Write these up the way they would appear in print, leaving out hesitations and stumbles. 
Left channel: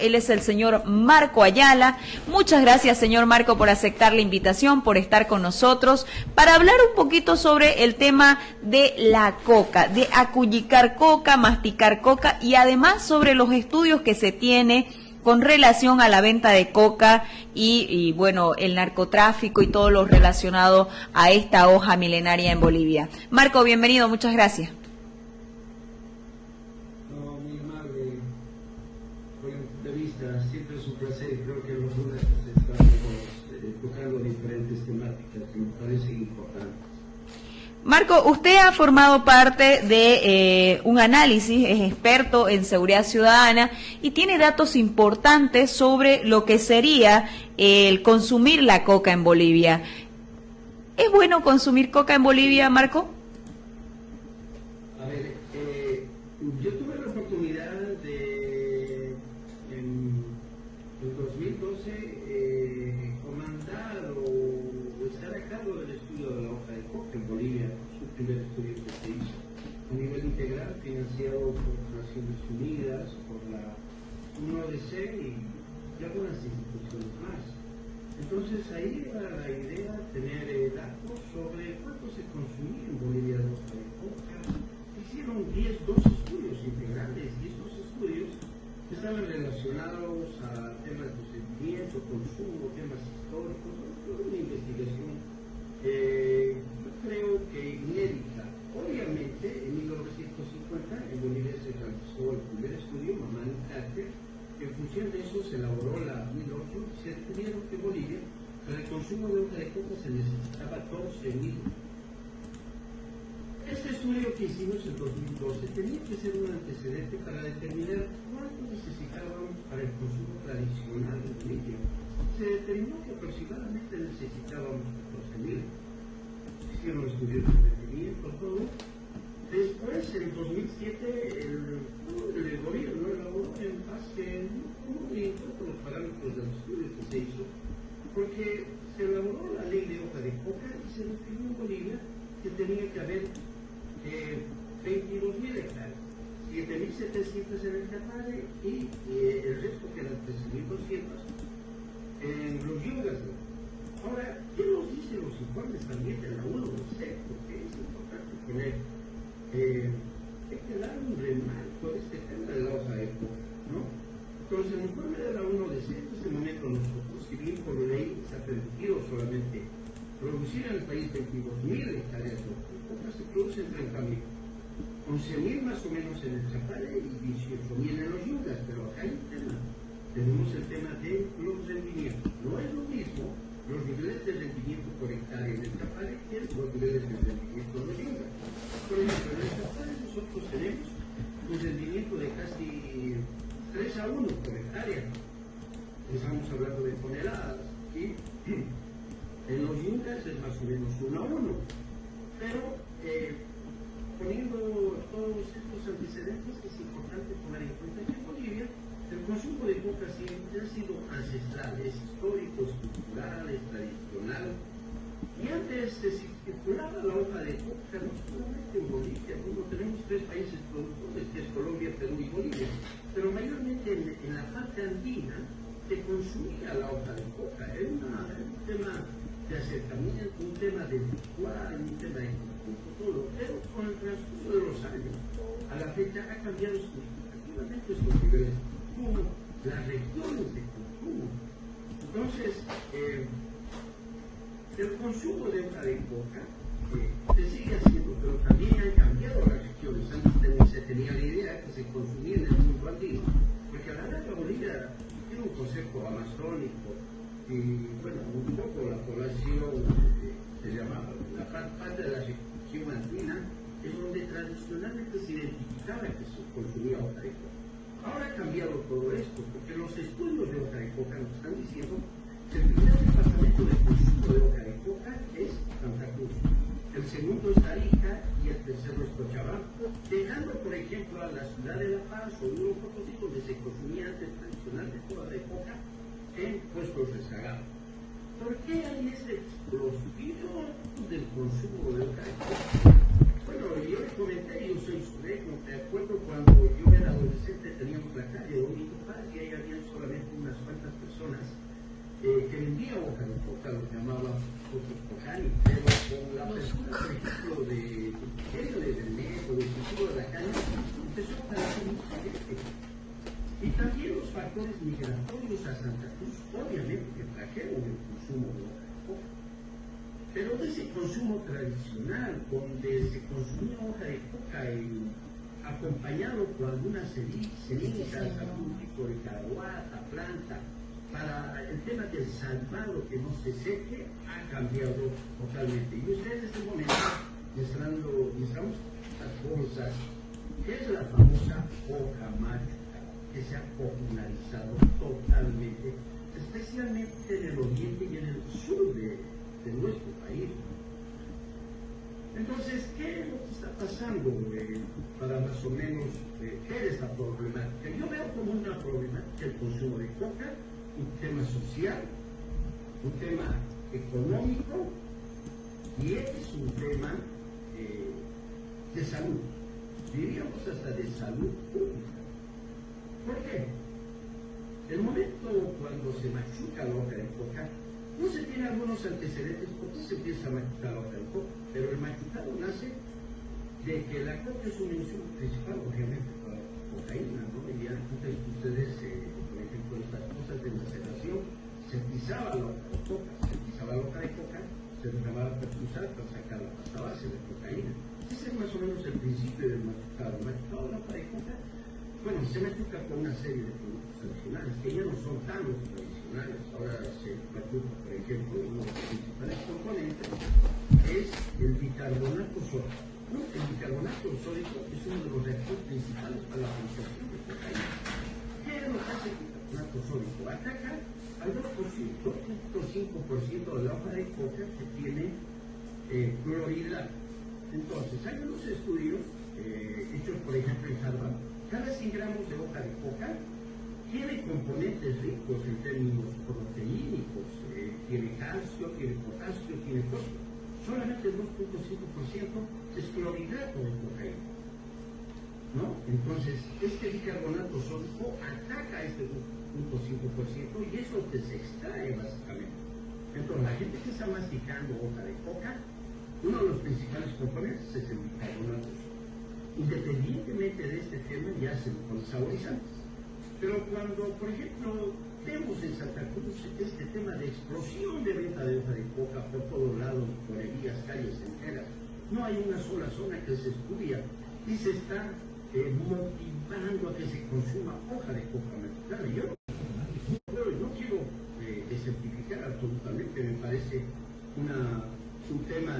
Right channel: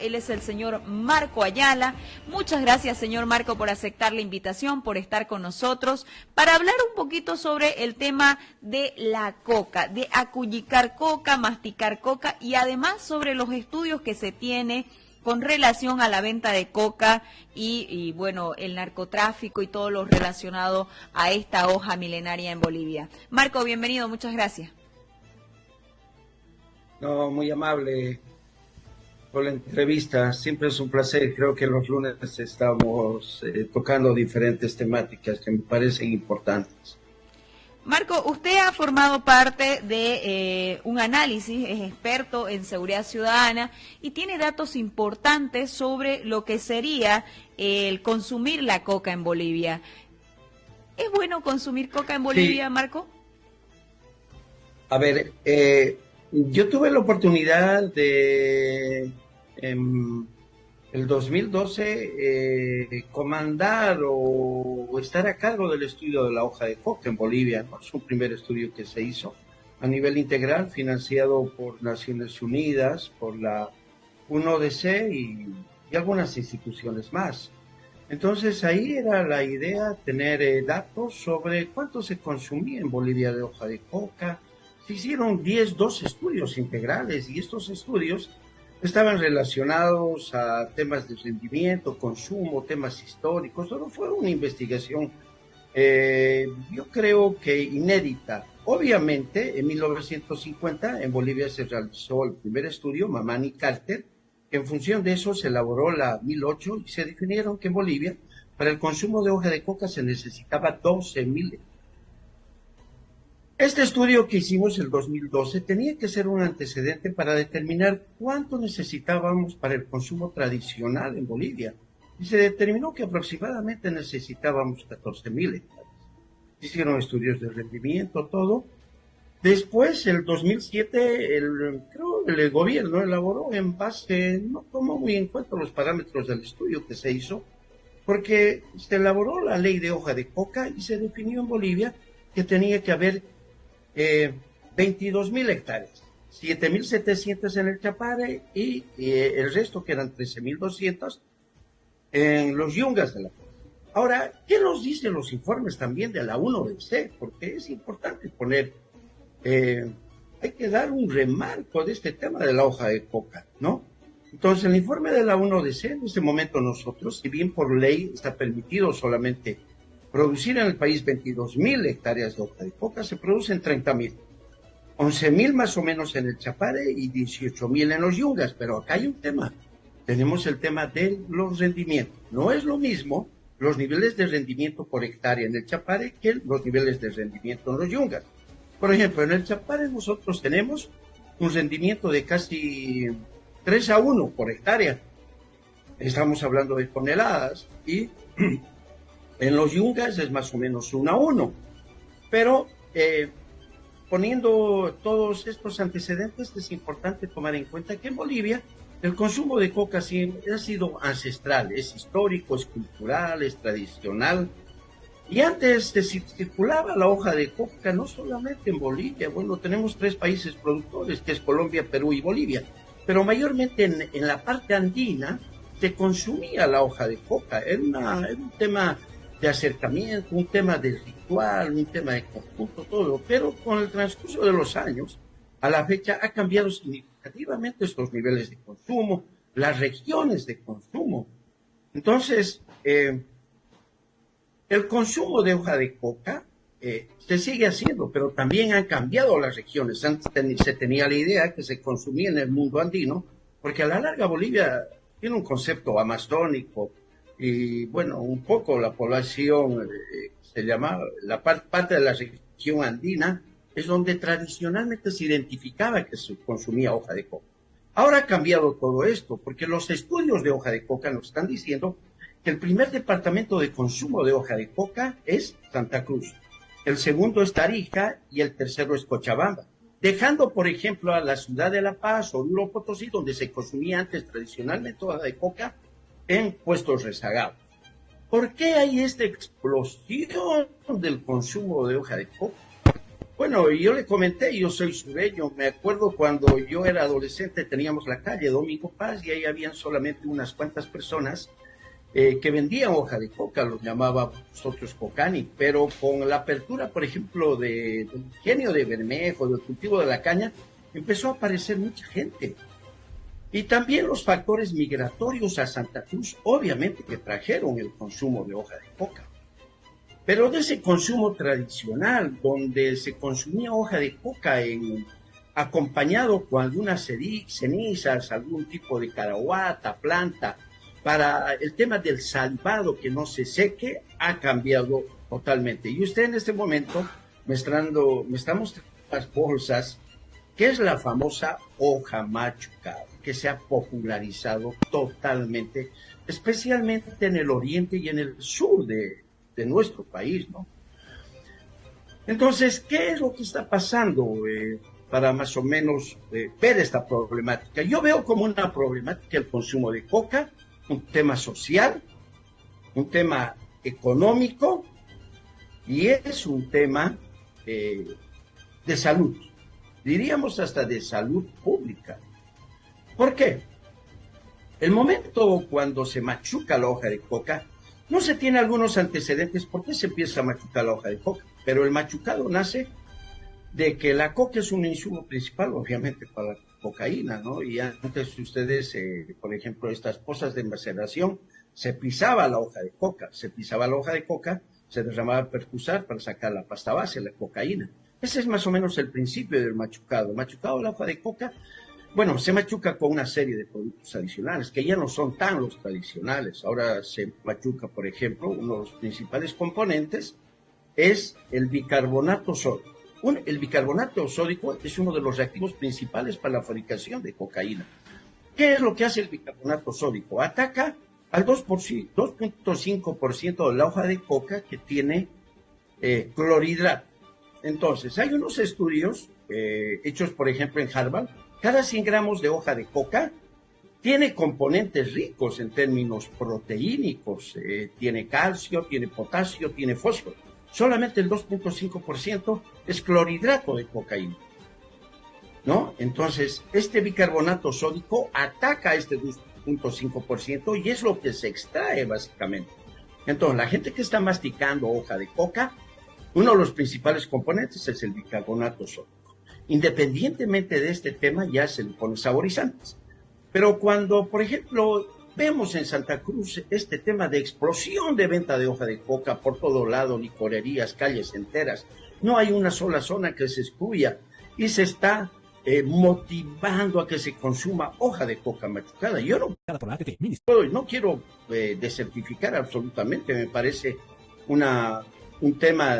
Él es el señor Marco Ayala. Muchas gracias, señor Marco, por aceptar la invitación, por estar con nosotros, para hablar un poquito sobre el tema de la coca, de acullicar coca, masticar coca, y además sobre los estudios que se tiene con relación a la venta de coca y bueno, el narcotráfico y todo lo relacionado a esta hoja milenaria en Bolivia. Marco, bienvenido, muchas gracias. No, muy amable por la entrevista, siempre es un placer. Creo que los lunes estamos tocando diferentes temáticas que me parecen importantes. Marco, usted ha formado parte de un análisis, es experto en seguridad ciudadana y tiene datos importantes sobre lo que sería el consumir la coca en Bolivia. ¿Es bueno consumir coca en Bolivia, sí, Marco? A ver, yo tuve la oportunidad de, en el 2012, comandar o estar a cargo del estudio de la hoja de coca en Bolivia, ¿no? Es un primer estudio que se hizo a nivel integral, financiado por Naciones Unidas, por la UNODC y algunas instituciones más. Entonces ahí era la idea tener datos sobre cuánto se consumía en Bolivia de hoja de coca. Se hicieron 12 estudios integrales y estos estudios estaban relacionados a temas de rendimiento, consumo, temas históricos. Solo fue una investigación, yo creo que inédita. Obviamente, en 1950 en Bolivia se realizó el primer estudio, Mamani Carter, que en función de eso se elaboró la 1008 y se definieron que en Bolivia, para el consumo de hoja de coca se necesitaba 12.000. Este estudio que hicimos el 2012 tenía que ser un antecedente para determinar cuánto necesitábamos para el consumo tradicional en Bolivia. Y se determinó que aproximadamente necesitábamos 14.000. Hicieron estudios de rendimiento, todo. Después, el 2007, el gobierno elaboró en base, no tomó muy en cuenta los parámetros del estudio que se hizo, porque se elaboró la ley de hoja de coca y se definió en Bolivia que tenía que haber 22.000 hectáreas, 7.700 en el Chapare y el resto, que eran 13.200 en los yungas de la. Ahora, ¿qué nos dicen los informes también de la UNODC? Porque es importante poner, hay que dar un remarco de este tema de la hoja de coca, ¿no? Entonces, el informe de la UNODC, en este momento nosotros, si bien por ley está permitido solamente producir en el país 22.000 hectáreas de hoja de coca, se producen 30.000, 11.000 más o menos en el Chapare y 18.000 en los yungas. Pero acá hay un tema, tenemos el tema de los rendimientos. No es lo mismo los niveles de rendimiento por hectárea en el Chapare que los niveles de rendimiento en los yungas. Por ejemplo, en el Chapare nosotros tenemos un rendimiento de casi 3:1 por hectárea. Estamos hablando de toneladas, y en los yungas es más o menos 1:1, pero poniendo todos estos antecedentes es importante tomar en cuenta que en Bolivia el consumo de coca siempre ha sido ancestral, es histórico, es cultural, es tradicional, y antes se circulaba la hoja de coca no solamente en Bolivia. Bueno, tenemos 3 países productores, que es Colombia, Perú y Bolivia, pero mayormente en la parte andina se consumía la hoja de coca. Era un tema de acercamiento, un tema de ritual, un tema de conjunto, todo. Pero con el transcurso de los años, a la fecha, ha cambiado significativamente estos niveles de consumo, las regiones de consumo. Entonces, el consumo de hoja de coca se sigue haciendo, pero también han cambiado las regiones. Antes se tenía la idea que se consumía en el mundo andino, porque a la larga Bolivia tiene un concepto amazónico, y bueno, un poco la población, se llamaba, la parte de la región andina, es donde tradicionalmente se identificaba que se consumía hoja de coca. Ahora ha cambiado todo esto, porque los estudios de hoja de coca nos están diciendo que el primer departamento de consumo de hoja de coca es Santa Cruz, el segundo es Tarija y el tercero es Cochabamba, dejando, por ejemplo, a la ciudad de La Paz o Huilo Potosí, donde se consumía antes tradicionalmente hoja de coca, en puestos rezagados. ¿Por qué hay esta explosión del consumo de hoja de coca? Bueno, yo le comenté, yo soy sureño, me acuerdo cuando yo era adolescente teníamos la calle Domingo Paz y ahí habían solamente unas cuantas personas que vendían hoja de coca, los llamábamos nosotros cocani, pero con la apertura, por ejemplo, del ingenio de Bermejo, del cultivo de la caña, empezó a aparecer mucha gente. Y también los factores migratorios a Santa Cruz, obviamente que trajeron el consumo de hoja de coca. Pero de ese consumo tradicional, donde se consumía hoja de coca acompañado con algunas cenizas, algún tipo de carahuata, planta, para el tema del salvado que no se seque, ha cambiado totalmente. Y usted en este momento me está mostrando las bolsas, que es la famosa hoja machucada, que se ha popularizado totalmente, especialmente en el oriente y en el sur de nuestro país, ¿no? Entonces, ¿qué es lo que está pasando para más o menos ver esta problemática? Yo veo como una problemática el consumo de coca, un tema social, un tema económico y es un tema de salud, diríamos hasta de salud pública. ¿Por qué? El momento cuando se machuca la hoja de coca, no se tiene algunos antecedentes por qué se empieza a machucar la hoja de coca, pero el machucado nace de que la coca es un insumo principal, obviamente, para la cocaína, ¿no? Y antes ustedes, por ejemplo, estas cosas de maceración, se pisaba la hoja de coca, se derramaba percusar para sacar la pasta base, la cocaína. Ese es más o menos el principio del machucado. El machucado de la hoja de coca, bueno, se machuca con una serie de productos adicionales, que ya no son tan los tradicionales. Ahora se machuca, por ejemplo, uno de los principales componentes es el bicarbonato sódico. El bicarbonato sódico es uno de los reactivos principales para la fabricación de cocaína. ¿Qué es lo que hace el bicarbonato sódico? Ataca al 2.5% de la hoja de coca que tiene clorhidrato. Entonces, hay unos estudios hechos, por ejemplo, en Harvard. Cada 100 gramos de hoja de coca tiene componentes ricos en términos proteínicos. Tiene calcio, tiene potasio, tiene fósforo. Solamente el 2.5% es clorhidrato de cocaína, ¿no? Entonces, este bicarbonato sódico ataca a este 2.5% y es lo que se extrae básicamente. Entonces, la gente que está masticando hoja de coca, uno de los principales componentes es el bicarbonato sódico. Independientemente de este tema, ya se le ponen saborizantes. Pero cuando, por ejemplo, vemos en Santa Cruz este tema de explosión de venta de hoja de coca por todo lado, licorerías, calles enteras, no hay una sola zona que se excluya y se está motivando a que se consuma hoja de coca machucada. Yo no quiero desertificar absolutamente, me parece un tema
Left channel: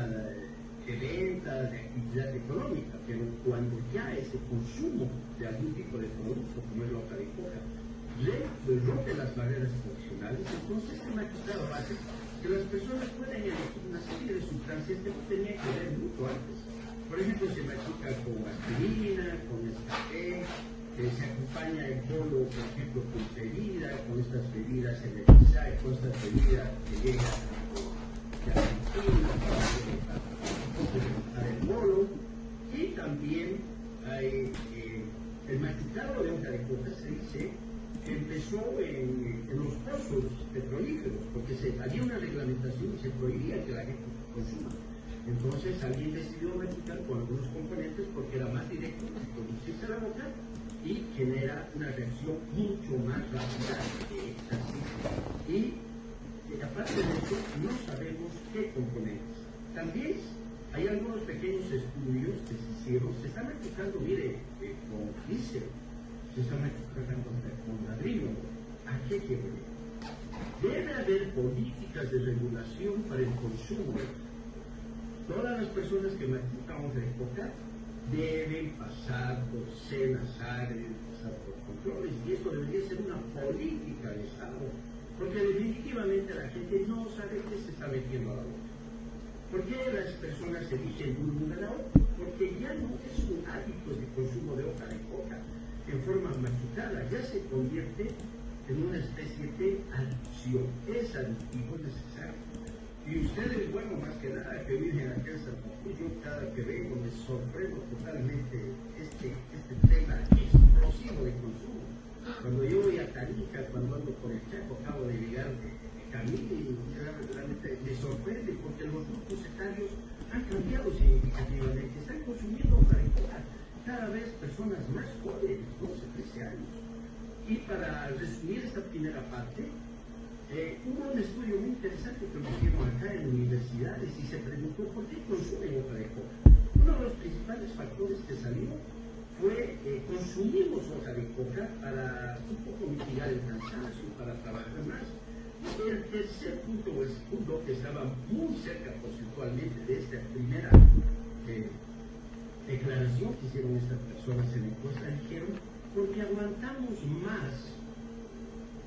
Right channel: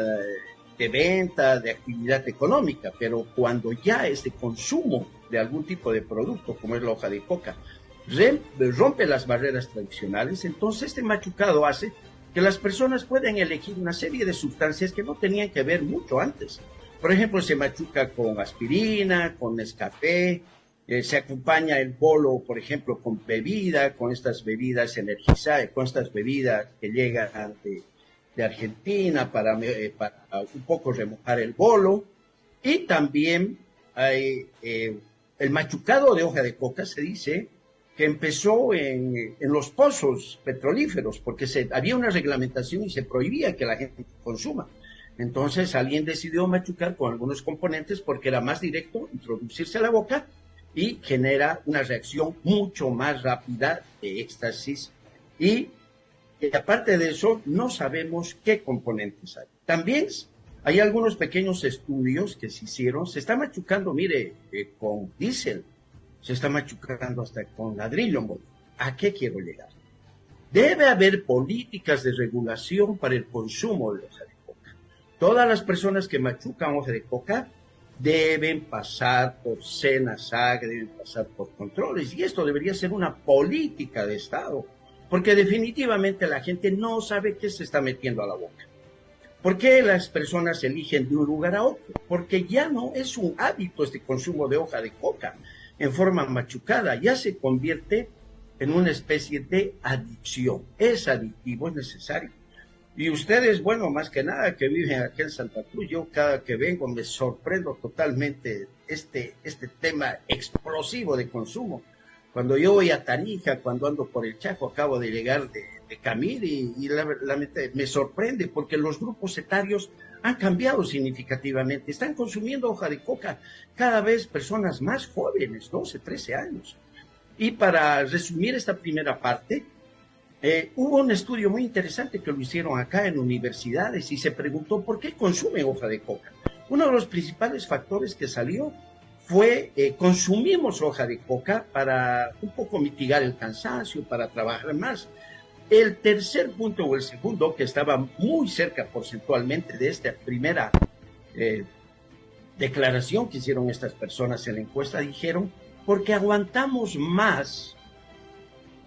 de venta, de actividad económica, pero cuando ya es de consumo de algún tipo de producto, como es la hoja de coca, rompe las barreras tradicionales, entonces este machucado hace que las personas puedan elegir una serie de sustancias que no tenían que ver mucho antes. Por ejemplo, se machuca con aspirina, con Nescafé, se acompaña el bolo, por ejemplo, con bebida, con estas bebidas energizantes, con estas bebidas que llegan de Argentina para un poco remojar el bolo. Y también el machucado de hoja de coca se dice que empezó en los pozos petrolíferos, porque había una reglamentación y se prohibía que la gente consuma. Entonces alguien decidió machucar con algunos componentes porque era más directo introducirse a la boca y genera una reacción mucho más rápida de éxtasis. Y aparte de eso, no sabemos qué componentes hay. También hay algunos pequeños estudios que se hicieron. Se está machucando, mire, con diésel, se está machucando hasta con ladrillo. ¿A qué quiero llegar? Debe haber políticas de regulación para el consumo de hoja de coca. Todas las personas que machucan hoja de coca deben pasar por SENASAC, deben pasar por controles, y esto debería ser una política de Estado, porque definitivamente la gente no sabe qué se está metiendo a la boca. ¿Por qué las personas eligen de un lugar a otro? Porque ya no es un hábito este consumo de hoja de coca en forma machucada, ya se convierte en una especie de adicción. Es adictivo, es necesario. Y ustedes, bueno, más que nada que viven aquí en Santa Cruz, yo cada que vengo me sorprendo totalmente este tema explosivo de consumo. Cuando yo voy a Tarija, cuando ando por el Chaco, acabo de llegar de Camil y me sorprende porque los grupos etarios han cambiado significativamente. Están consumiendo hoja de coca cada vez personas más jóvenes, 12, 13 años. Y para resumir esta primera parte, hubo un estudio muy interesante que lo hicieron acá en universidades y se preguntó por qué consumen hoja de coca. Uno de los principales factores que salió fue consumimos hoja de coca para un poco mitigar el cansancio, para trabajar más. El tercer punto o el segundo, que estaba muy cerca porcentualmente de esta primera declaración que hicieron estas personas en la encuesta, dijeron, porque aguantamos más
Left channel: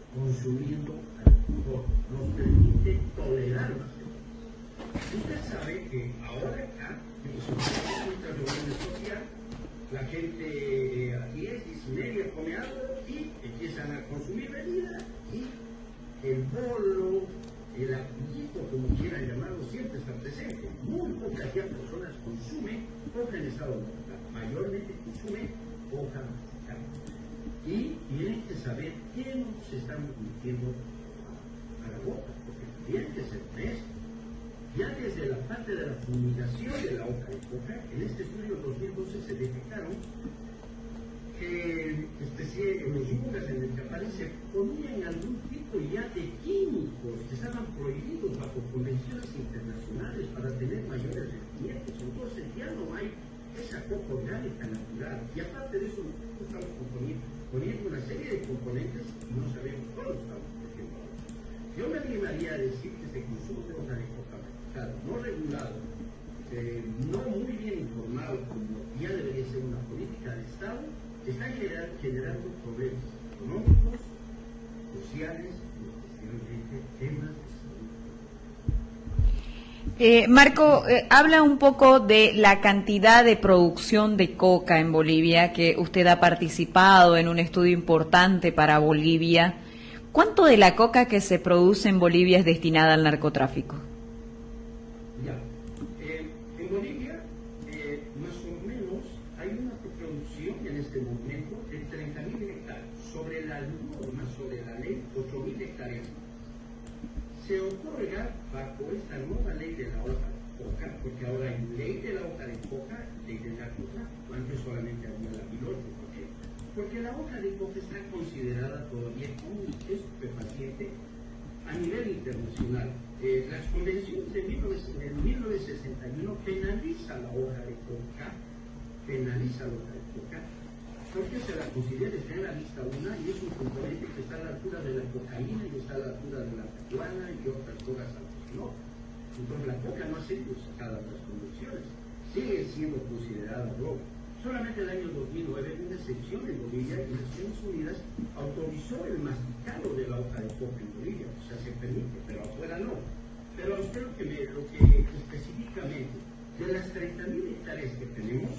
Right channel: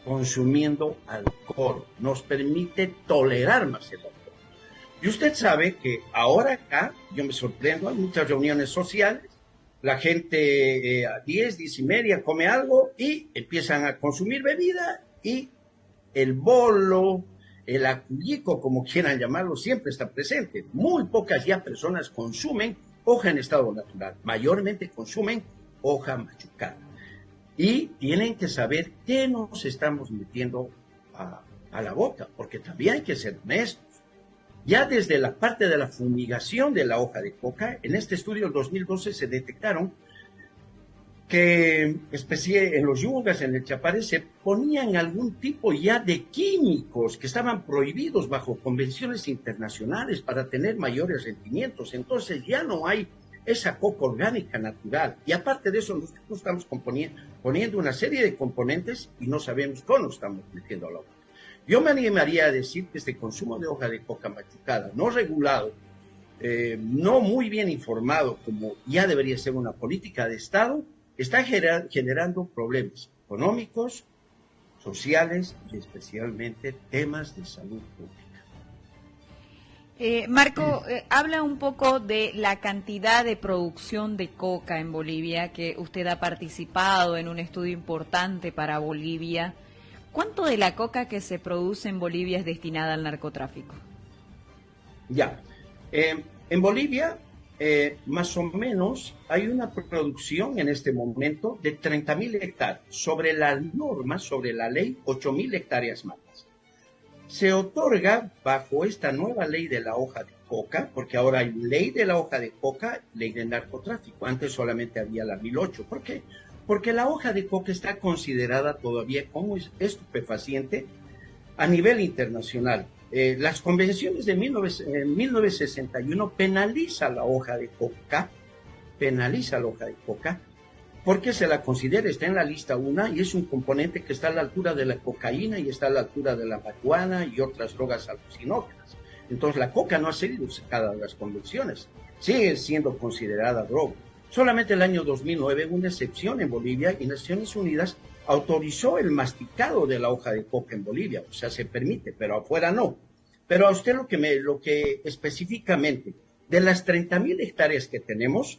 consumiendo alcohol, nos permite tolerar más el alcohol. Y usted sabe que ahora acá, yo me sorprendo, hay muchas reuniones sociales, la gente a 10 y media come algo y empiezan a consumir bebida y el bolo, el acullico, como quieran llamarlo, siempre está presente. Muy pocas ya personas consumen hoja en estado natural, mayormente consumen hoja machucada. Y tienen que saber qué nos estamos metiendo a la boca, porque también hay que ser honestos. Ya desde la parte de la fumigación de la hoja de coca, en este estudio del 2012 se detectaron que en los yungas, en el Chapare, se ponían algún tipo ya de químicos que estaban prohibidos bajo convenciones internacionales para tener mayores rendimientos. Entonces ya no hay esa coca orgánica natural. Y aparte de eso, nosotros estamos poniendo una serie de componentes y no sabemos cómo estamos metiendo la hoja. Yo me animaría a decir que este consumo de hoja de coca machucada, no regulado, no muy bien informado, como ya debería ser una política de Estado, está generando problemas económicos, sociales y especialmente temas de salud pública. Marco, habla un poco de la cantidad de producción de coca en Bolivia, que usted ha participado en un estudio importante para Bolivia. ¿Cuánto de la coca que se produce en Bolivia es destinada al narcotráfico? Ya, en Bolivia más o menos hay una producción en este momento de 30.000 hectáreas, sobre la norma, sobre la ley, 8.000 hectáreas más. Se otorga bajo esta nueva ley de la hoja de coca, porque ahora hay ley de la hoja de coca, ley del narcotráfico, antes solamente había la 1008. ¿Por qué? Porque la hoja de coca está considerada todavía como estupefaciente a nivel internacional. Las convenciones de 1961 penaliza la hoja de coca, porque se la considera, está en la lista 1 y es un componente que está a la altura de la cocaína y está a la altura de la marihuana y otras drogas alucinógenas. Entonces la coca no ha sido sacada de las convenciones, sigue siendo considerada droga. Solamente el año 2009 hubo una excepción en Bolivia y Naciones Unidas autorizó el masticado de la hoja de coca en Bolivia, o sea, se permite, pero afuera no. Pero a usted lo que específicamente, de las 30.000 hectáreas que tenemos,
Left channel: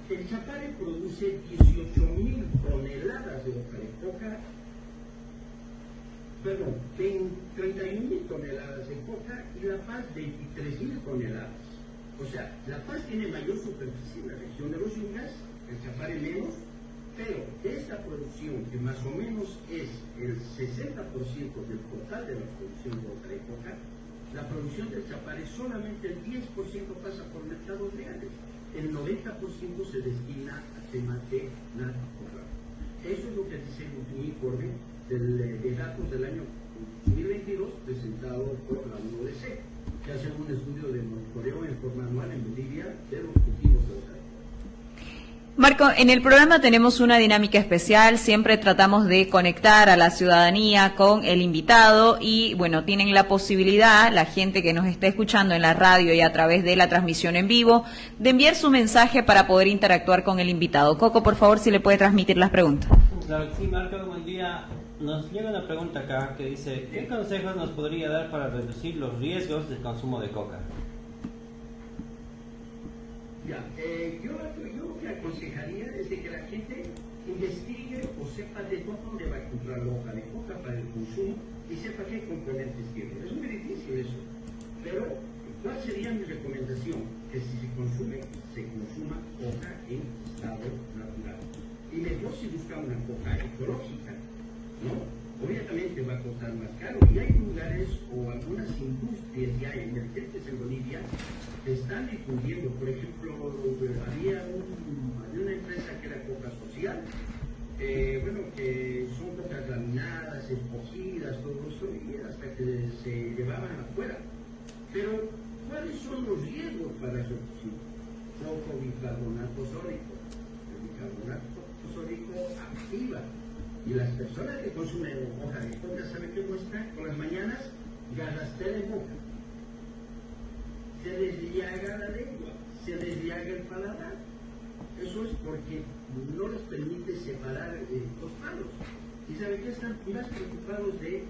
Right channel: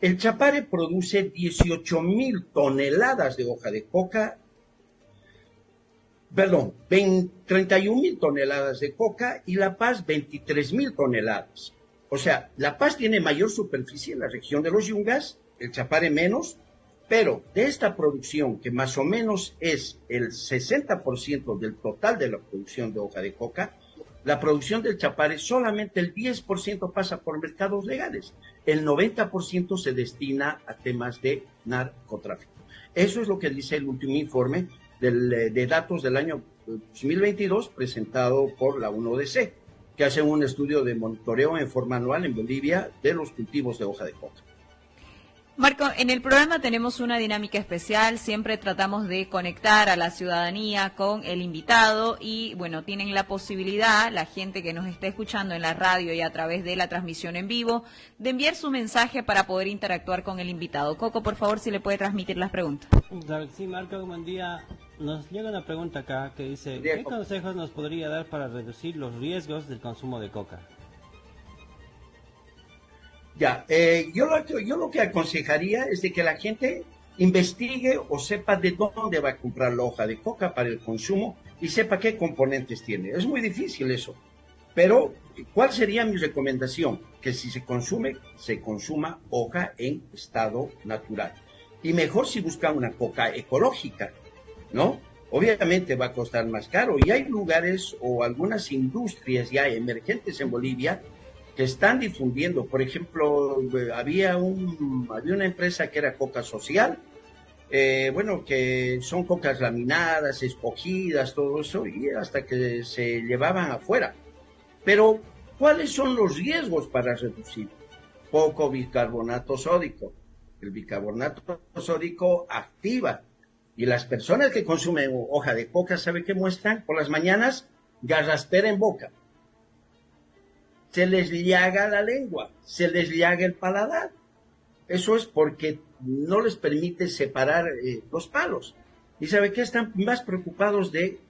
el Chapare produce 18.000 toneladas de hoja de coca, 31.000 toneladas de coca y La Paz 23.000 toneladas. O sea, La Paz tiene mayor superficie en la región de los Yungas, el Chapare menos, pero de esta producción, que más o menos es el 60% del total de la producción de hoja de coca, la producción del Chapare solamente el 10% pasa por mercados legales, el 90% se destina a temas de narcotráfico. Eso es lo que dice el último informe de datos del año 2022 presentado por la UNODC, que hacen un estudio de monitoreo en forma anual en Bolivia de los cultivos de hoja de coca. Marco, en el programa tenemos una dinámica especial, siempre tratamos de conectar a la ciudadanía con el invitado y, bueno, tienen la posibilidad, la gente que nos está escuchando en la radio y a través de la transmisión en vivo, de enviar su mensaje para poder interactuar con el invitado. Coco, por favor, si le puede transmitir las preguntas. Claro que sí, Marco, buen día. Nos llega una pregunta acá que dice, ¿qué consejos nos podría dar para reducir los riesgos del consumo de coca? Ya, yo lo que aconsejaría es de que la gente investigue o sepa de dónde va a comprar la hoja de coca para el consumo y sepa qué componentes tiene. Es muy difícil eso. Pero, ¿cuál sería mi recomendación? Que si se consume, se consuma coca en estado natural. Y mejor si busca una coca ecológica, ¿no? Obviamente va a costar más caro. Y hay lugares o algunas industrias ya emergentes en Bolivia que están difundiendo. Por ejemplo, había una empresa que era Coca Social, bueno, que son cocas laminadas, escogidas, todo eso, y hasta que se llevaban afuera. Pero, ¿cuáles son los riesgos para reducirlo? Poco bicarbonato sódico. El bicarbonato sódico activa. Y las personas que consumen hoja de coca, ¿saben qué muestran? Por las mañanas, garraspera en boca. Se les llaga la lengua, se les llaga el paladar. Eso es porque no les permite separar los palos. ¿Y sabe qué? Están más preocupados de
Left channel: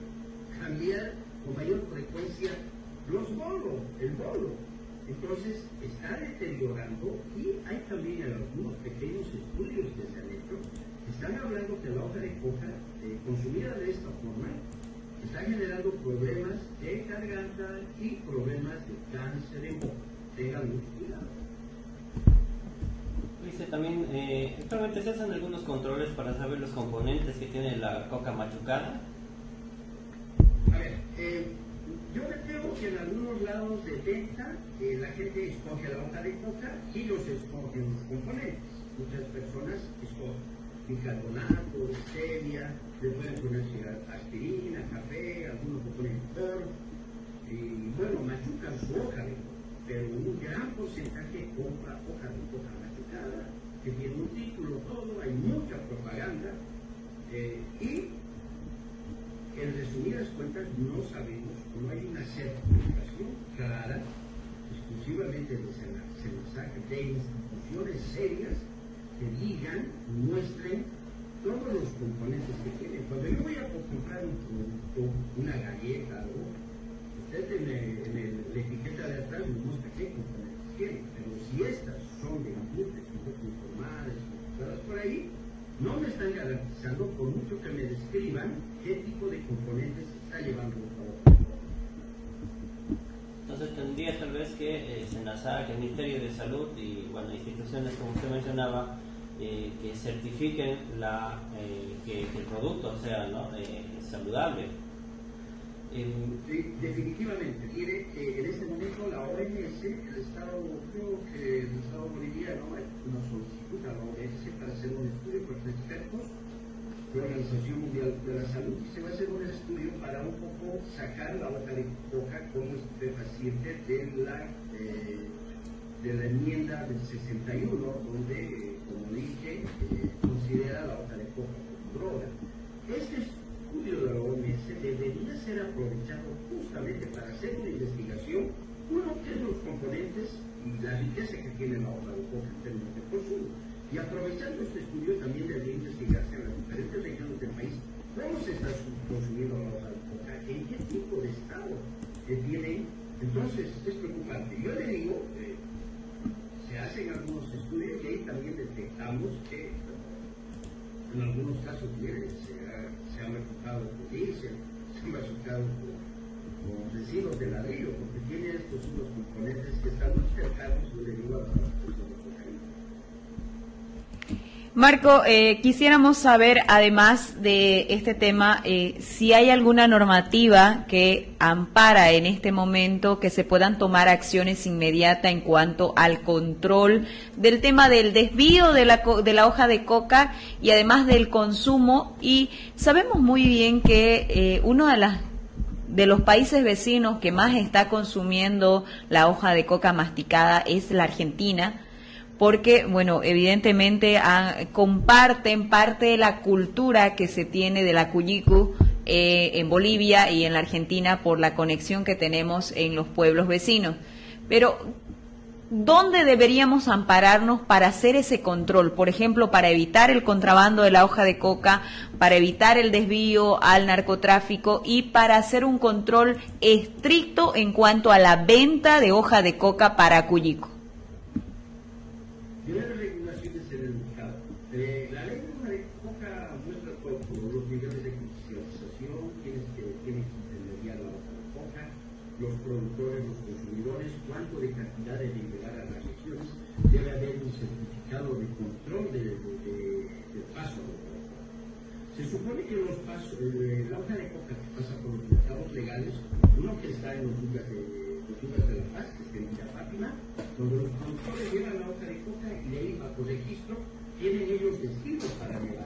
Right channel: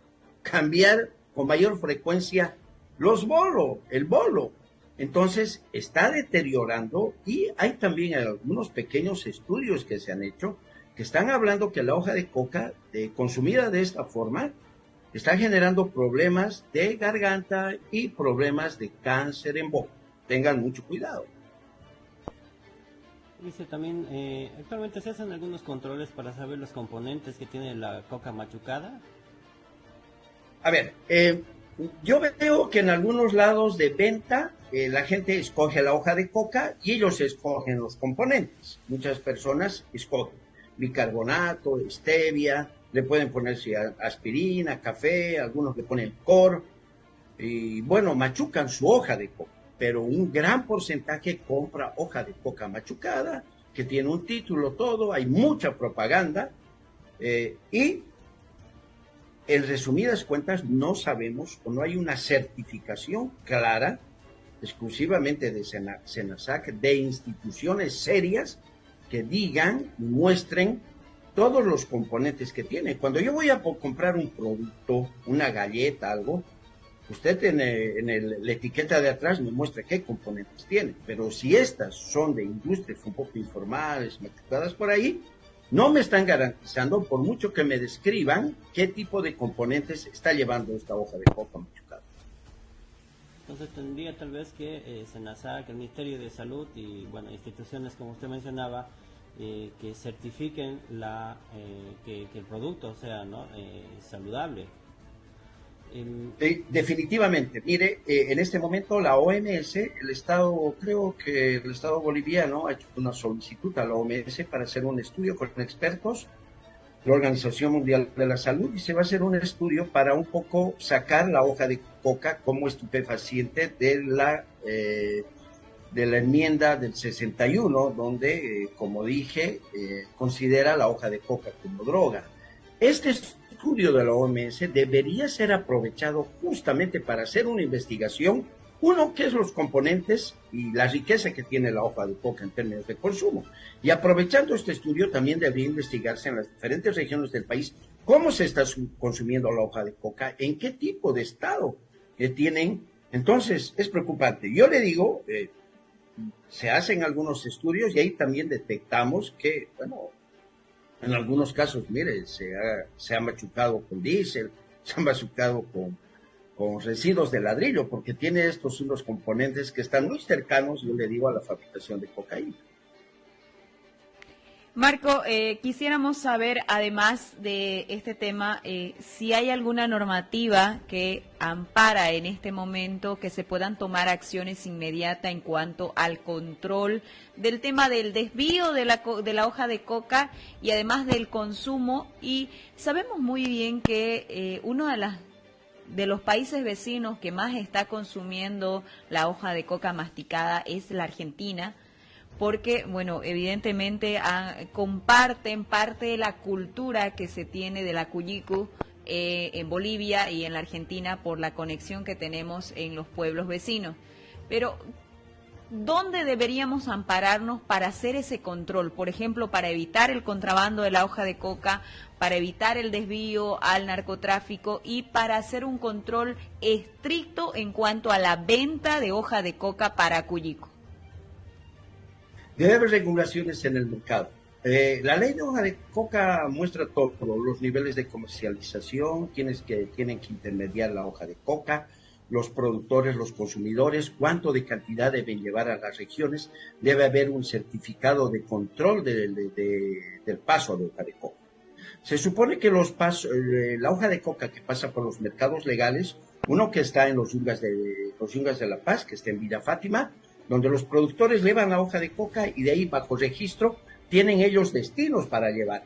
cambiar con mayor frecuencia el bolo. Entonces, está deteriorando, y hay también algunos pequeños estudios que se han hecho que están hablando que la hoja de coca, consumida de esta forma, está generando problemas de garganta y problemas de cáncer en boca. Tengan mucho cuidado. Dice también, actualmente se hacen algunos controles para saber los componentes que tiene la coca machucada. A ver, yo veo que en algunos lados de venta la gente escoge la hoja de coca y ellos escogen los componentes. Muchas personas escogen bicarbonato, stevia, le pueden poner aspirina, café, algunos le ponen licor, y bueno, machucan su hoja de coca. Pero un gran porcentaje compra hoja de coca machucada, que tiene un título todo, hay mucha propaganda, y en resumidas cuentas no sabemos, o no hay una certificación clara, exclusivamente de SENASAC, de instituciones serias que digan, muestren todos los componentes que tiene. Cuando yo voy a comprar un producto, una galleta, algo, usted en la etiqueta de atrás me muestra qué componentes tiene, pero si estas son de industrias un poco informales, machucadas por ahí, no me están garantizando, por mucho que me describan, qué tipo de componentes está llevando esta hoja de coca machucada. Entonces tendría tal vez que SENASAC, el Ministerio de Salud y bueno, instituciones como usted mencionaba, que certifiquen que el producto sea, ¿no? Saludable. Definitivamente, mire, en este momento la OMS, creo que el Estado boliviano ha hecho una solicitud a la OMS para hacer un estudio con expertos, la Organización Mundial de la Salud, y se va a hacer un estudio para un poco sacar la hoja de coca como estupefaciente de la enmienda del 61, donde, como dije, considera la hoja de coca como droga. Este estudio de la OMS debería ser aprovechado justamente para hacer una investigación, uno, qué es los componentes y la riqueza que tiene la hoja de coca en términos de consumo, y aprovechando este estudio también debería investigarse en las diferentes regiones del país cómo se está consumiendo la hoja de coca, en qué tipo de estado tienen. Entonces es preocupante. Yo le digo, se hacen algunos estudios y ahí también detectamos que, bueno, en algunos casos, mire, se ha machucado con diésel, se ha machucado con residuos de ladrillo, porque tiene estos unos componentes que están muy cercanos, yo le digo, a la fabricación de cocaína. Marco, quisiéramos saber, además de este tema, si hay alguna normativa que ampara en este momento que se puedan tomar acciones inmediatas en cuanto al control del tema del desvío de la hoja de coca y además del consumo. Y sabemos muy bien que uno de los países vecinos que más está consumiendo la hoja de coca masticada es la Argentina, porque, bueno, evidentemente comparten parte de la cultura que se tiene de la cuyicu en Bolivia y en la Argentina por la conexión que tenemos en los pueblos vecinos. Pero, ¿dónde deberíamos ampararnos para hacer ese control? Por ejemplo, para evitar el contrabando de la hoja de coca, para evitar el desvío al narcotráfico y para hacer un control estricto en cuanto a la venta de hoja de coca para cuyico. Debe haber regulaciones en el mercado. La ley de hoja de coca muestra todos los niveles de comercialización, quienes que tienen que intermediar la hoja de coca, los productores, los consumidores, cuánto de cantidad deben llevar a las regiones. Debe haber un certificado de control del paso de hoja de coca. Se supone que la hoja de coca que pasa por los mercados legales, uno que está en los Yungas de La Paz, que está en Villa Fátima, donde los productores llevan la hoja de coca y de ahí bajo registro tienen ellos destinos para llevar.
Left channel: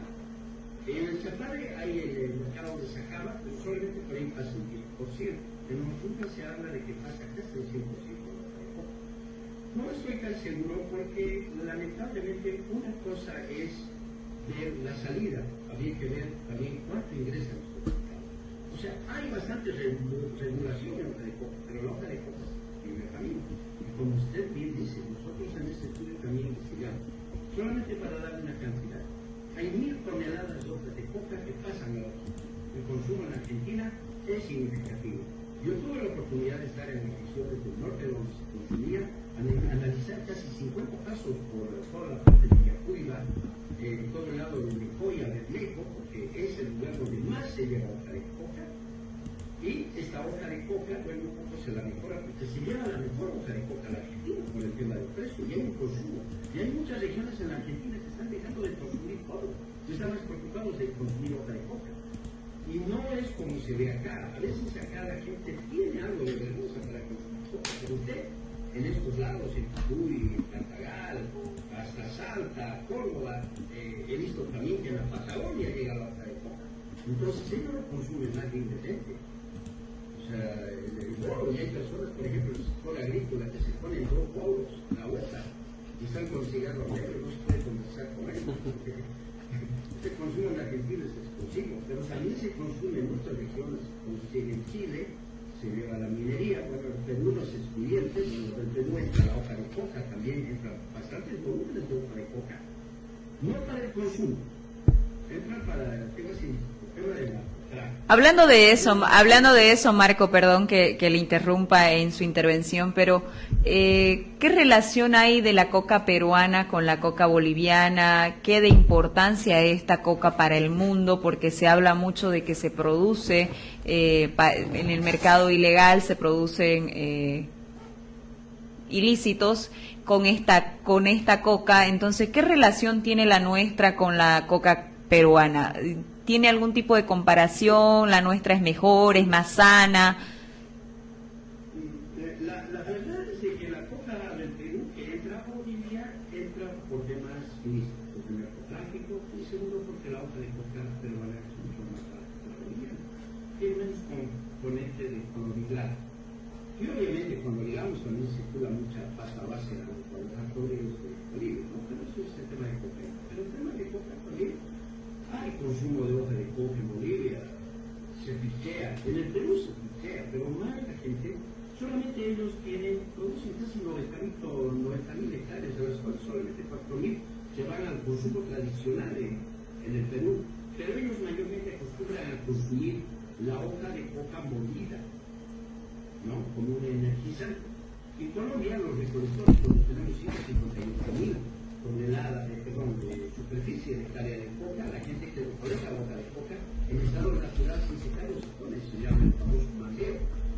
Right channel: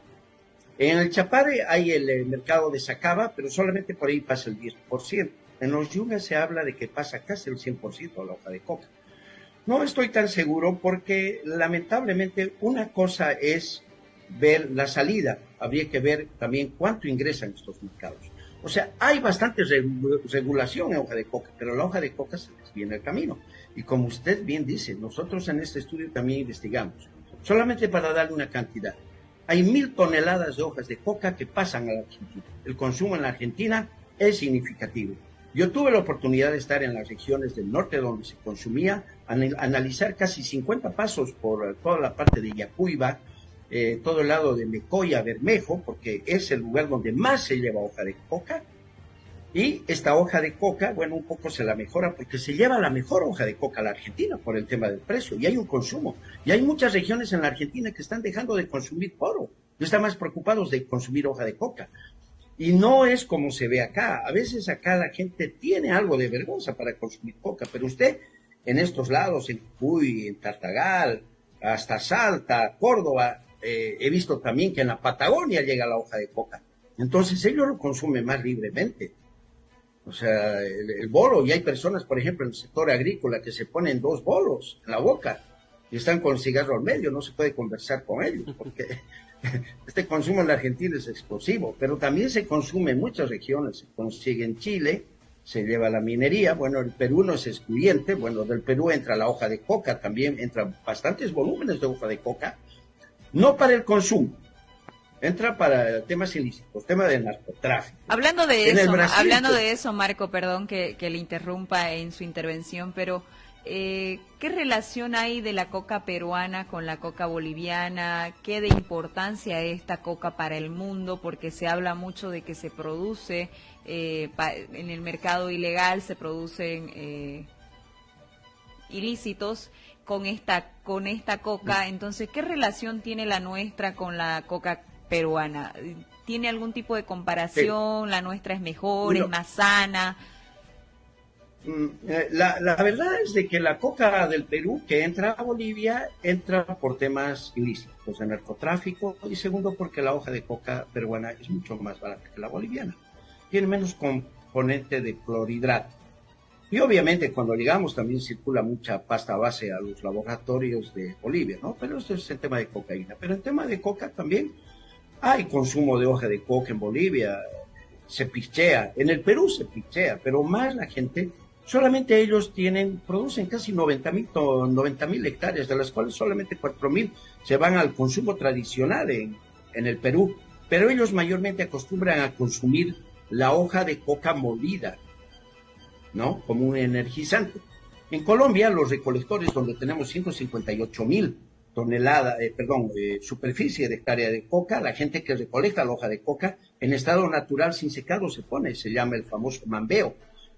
En el Chapare hay el mercado de Sacaba, pero solamente por ahí pasa el 10%. En los Yungas se habla de que pasa casi el 100% la hoja de coca. No estoy tan seguro porque lamentablemente una cosa es ver la salida, habría que ver también cuánto ingresan estos mercados. O sea, hay bastante regulación en hoja de coca, pero la hoja de coca se viene el camino. Y como usted bien dice, nosotros en este estudio también investigamos, solamente para darle una cantidad. Hay 1.000 toneladas de hojas de coca que pasan a la Argentina. El consumo en la Argentina es significativo. Yo tuve la oportunidad de estar en las regiones del norte donde se consumía, analizar casi 50 pasos por toda la parte de Yacuiba, todo el lado de Mecoya, Bermejo, porque es el lugar donde más se lleva hoja de coca. Y esta hoja de coca, bueno, un poco se la mejora porque se lleva la mejor hoja de coca a la Argentina por el tema del precio. Y hay un consumo. Y hay muchas regiones en la Argentina que están dejando de consumir poro. Están más preocupados de consumir hoja de coca. Y no es como se ve acá. A veces acá la gente tiene algo de vergüenza para consumir coca. Pero usted, en estos lados, en Cuy, en Tartagal, hasta Salta, Córdoba, he visto también que en la Patagonia llega la hoja de coca. Entonces ellos lo consumen más libremente. O sea, el bolo, y hay personas, por ejemplo, en el sector agrícola que se ponen 2 bolos en la boca y están con cigarro al medio, no se puede conversar con ellos, porque este consumo en la Argentina es explosivo, pero también se consume en muchas regiones, se consigue en Chile, se lleva la minería, bueno, el Perú no es excluyente, bueno, del Perú entra la hoja de coca, también entran bastantes volúmenes de hoja de coca, no para el consumo, entra para temas ilícitos, tema de narcotráfico. Hablando de eso, Marco, perdón que le interrumpa en su intervención, pero ¿qué relación hay de la coca peruana con la coca boliviana? ¿Qué de importancia es esta coca para el mundo? Porque se habla mucho de que se produce en el mercado ilegal, se producen ilícitos con esta coca. Entonces, ¿qué relación tiene la nuestra con la coca peruana? ¿Tiene algún tipo de comparación? Sí. ¿La nuestra es mejor, es más sana? La verdad es de que la coca del Perú que entra a Bolivia entra por temas ilícitos de narcotráfico, y segundo porque la hoja de coca peruana es mucho más barata que la boliviana, tiene menos componente de clorhidrato. Y obviamente cuando llegamos también circula mucha pasta base a los laboratorios de Bolivia, ¿no? Pero esto es el tema de cocaína. Pero el tema de coca también hay consumo de hoja de coca en Bolivia, se pichea, en el Perú se pichea, pero más la gente, solamente ellos producen casi 90.000 hectáreas, de las cuales solamente 4.000 se van al consumo tradicional en el Perú, pero ellos mayormente acostumbran a consumir la hoja de coca molida, ¿no? Como un energizante. En Colombia, los recolectores, donde tenemos 158.000 toneladas, superficie de hectárea de coca, la gente que recolecta la hoja de coca en estado natural sin secado se llama el famoso mambeo.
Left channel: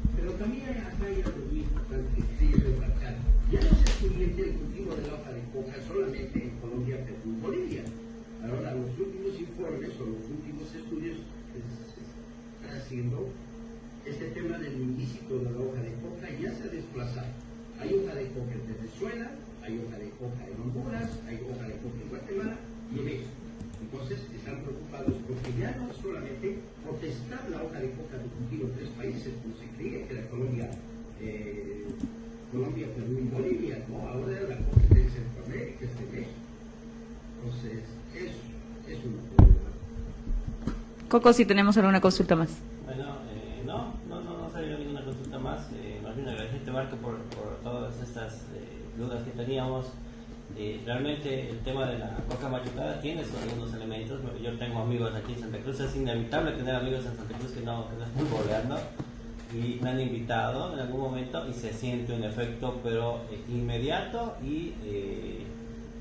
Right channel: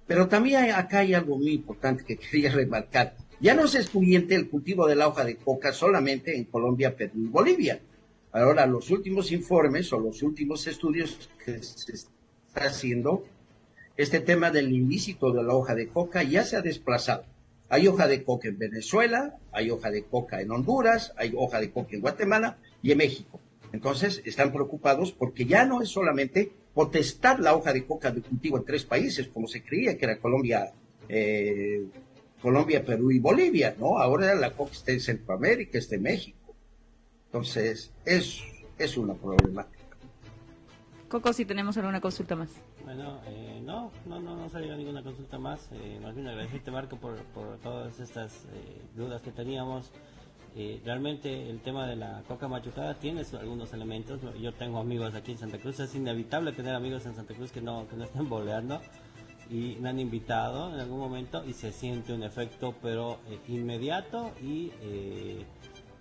Pero también acá hay algo muy importante que quería remarcar. Ya no se excluyente el cultivo de la hoja de coca solamente en Colombia, Perú y Bolivia. Ahora, los últimos informes o los últimos estudios que se está haciendo, este tema del ilícito de la hoja de coca ya se ha desplazado. Hay hoja de coca en Venezuela, hay hoja de coca en Honduras, hay hoja de coca en Guatemala y en México. Entonces están preocupados porque ya no es solamente potestad la hoja de coca de cultivo en 3 países, como se creía que era Colombia, Perú y Bolivia, ¿no? Ahora la coca está en Centroamérica, está en México. Entonces es una problemática. Coco, si tenemos alguna consulta más. Bueno, no salió ninguna consulta más. Más bien agradecerte, Marco, por todas estas dudas que teníamos. Realmente el tema de la coca machucada tiene algunos elementos. Yo tengo amigos aquí en Santa Cruz, es inevitable tener amigos en Santa Cruz que no estén boleando, y me han invitado en algún momento y se siente un efecto pero inmediato y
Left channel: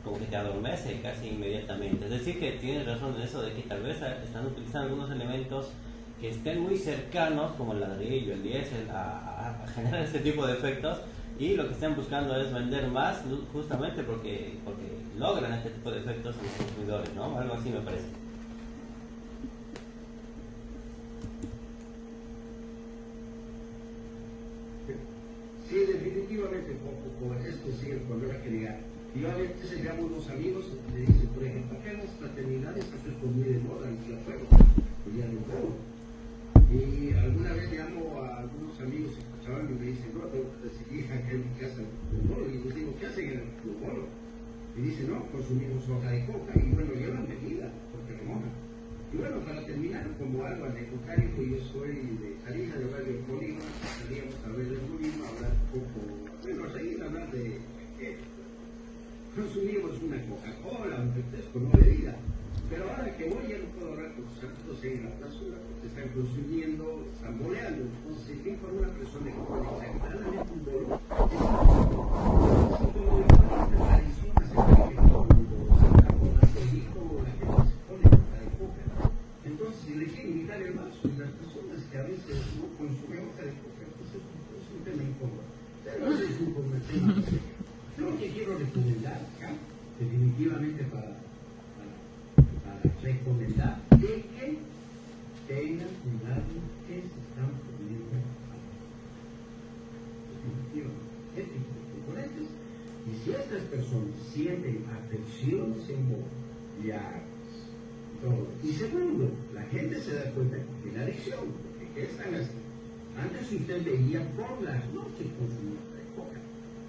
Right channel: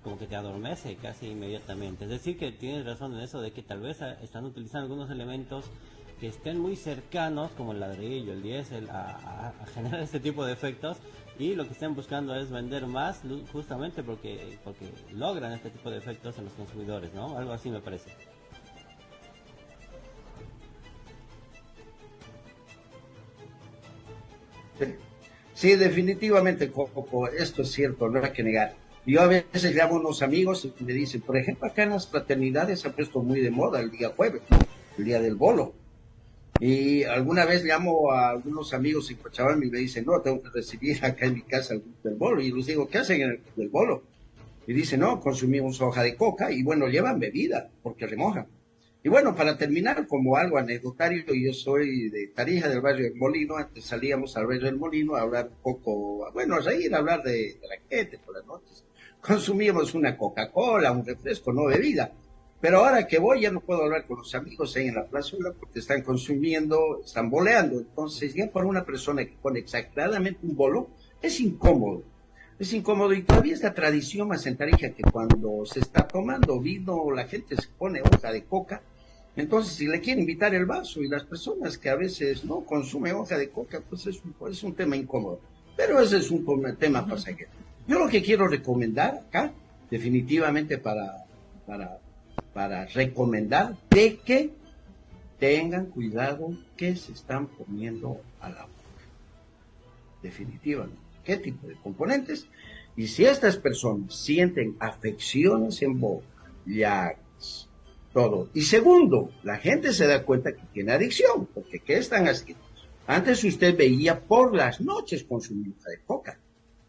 como que te adormece casi inmediatamente. Es decir, que tienes razón en eso de que tal vez están utilizando algunos elementos que estén muy cercanos, como el ladrillo, el diésel, a generar este tipo de efectos, y lo que están buscando es vender más, justamente porque logran este tipo de efectos en los consumidores, ¿no? Algo así me parece. Sí, definitivamente, Coco, esto es cierto, no hay que negar. Yo a veces llamo a unos amigos y me dicen, por ejemplo, acá en las fraternidades se ha puesto muy de moda el día jueves, el día del bolo. Y alguna vez llamo a algunos amigos en Cochabamba y me dicen, no, tengo que recibir acá en mi casa el bolo. Y les digo, ¿qué hacen en el bolo? Y dicen, no, consumimos hoja de coca y bueno, llevan bebida porque remojan. Y bueno, para terminar, como algo anecdotario, yo soy de Tarija, del barrio del Molino. Antes salíamos al barrio del Molino a hablar un poco, bueno, a reír, a hablar de la gente por las noches. Consumíamos una Coca-Cola, un refresco, no bebida. Pero ahora que voy ya no puedo hablar con los amigos ahí en la plazuela porque están consumiendo, están boleando. Entonces, ya para una persona que pone exageradamente un bolo, es incómodo. Es incómodo y todavía es la tradición más en Tarija que cuando se está tomando vino, la gente se pone hoja de coca. Entonces, si le quieren invitar el vaso y las personas que a veces no consumen hoja de coca, pues es un tema incómodo. Pero ese es un tema pasajero. Yo lo que quiero recomendar acá, definitivamente para recomendar de que tengan cuidado que se están poniendo a la boca. Definitivamente. ¿Qué tipo de componentes? Y si estas personas sienten afecciones en boca, llagas, todo. Y segundo, la gente se da cuenta que tiene adicción, porque ¿qué están haciendo? Antes usted veía por las noches consumir de coca.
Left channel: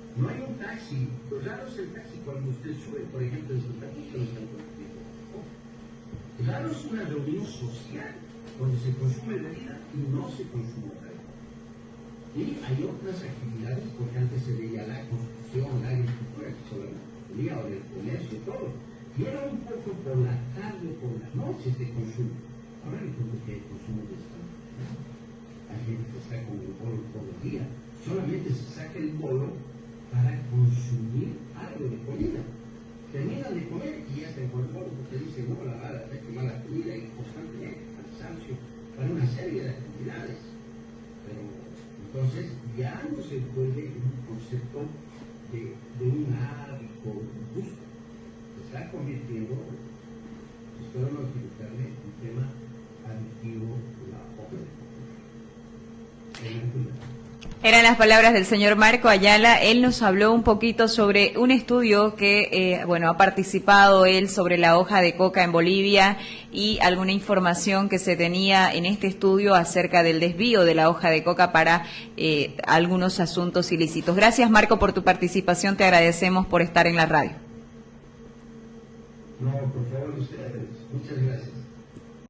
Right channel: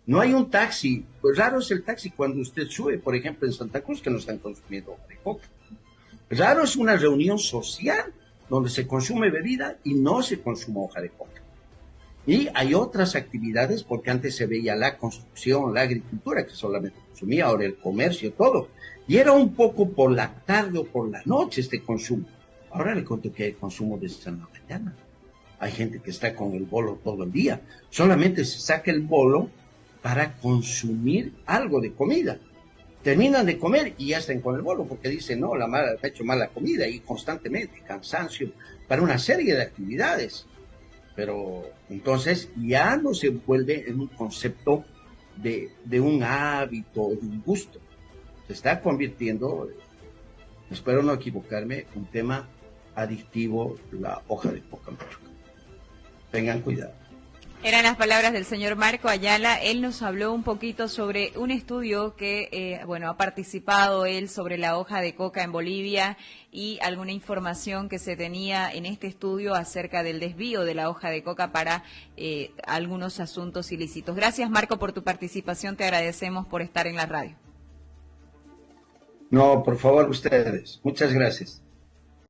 No hay un taxi, pues raro es el taxi cuando usted sube, por ejemplo, en Santa Cruz, que no están consumiendo de coca. Raro es una reunión social donde se consume bebida y no se consume hoja de coca. Y hay otras actividades, porque antes se veía la construcción, la agricultura, que solamente consumía, ahora el comercio, todo. Y era un poco por la tarde o por la noche este consumo. Ahora le cuento que hay consumo desde la mañana. Hay gente que está con el bolo todo el día. Solamente se saca el bolo para consumir algo de comida. Terminan de comer y ya están con el bolo porque dicen, no, ha hecho mala comida y constantemente, cansancio, para una serie de actividades. Pero entonces ya no se vuelve en un concepto de un hábito, de un gusto. Se está convirtiendo, espero no equivocarme, en un tema adictivo, la hoja de coca. Tengan cuidado. Eran las palabras del señor Marco Ayala. Él nos habló un poquito sobre un estudio que, ha participado él sobre la hoja de coca en Bolivia y alguna información que se tenía en este estudio acerca del desvío de la hoja de coca para algunos asuntos ilícitos. Gracias, Marco, por tu participación. Te agradecemos por estar en la radio. No, por favor, ustedes. Muchas gracias.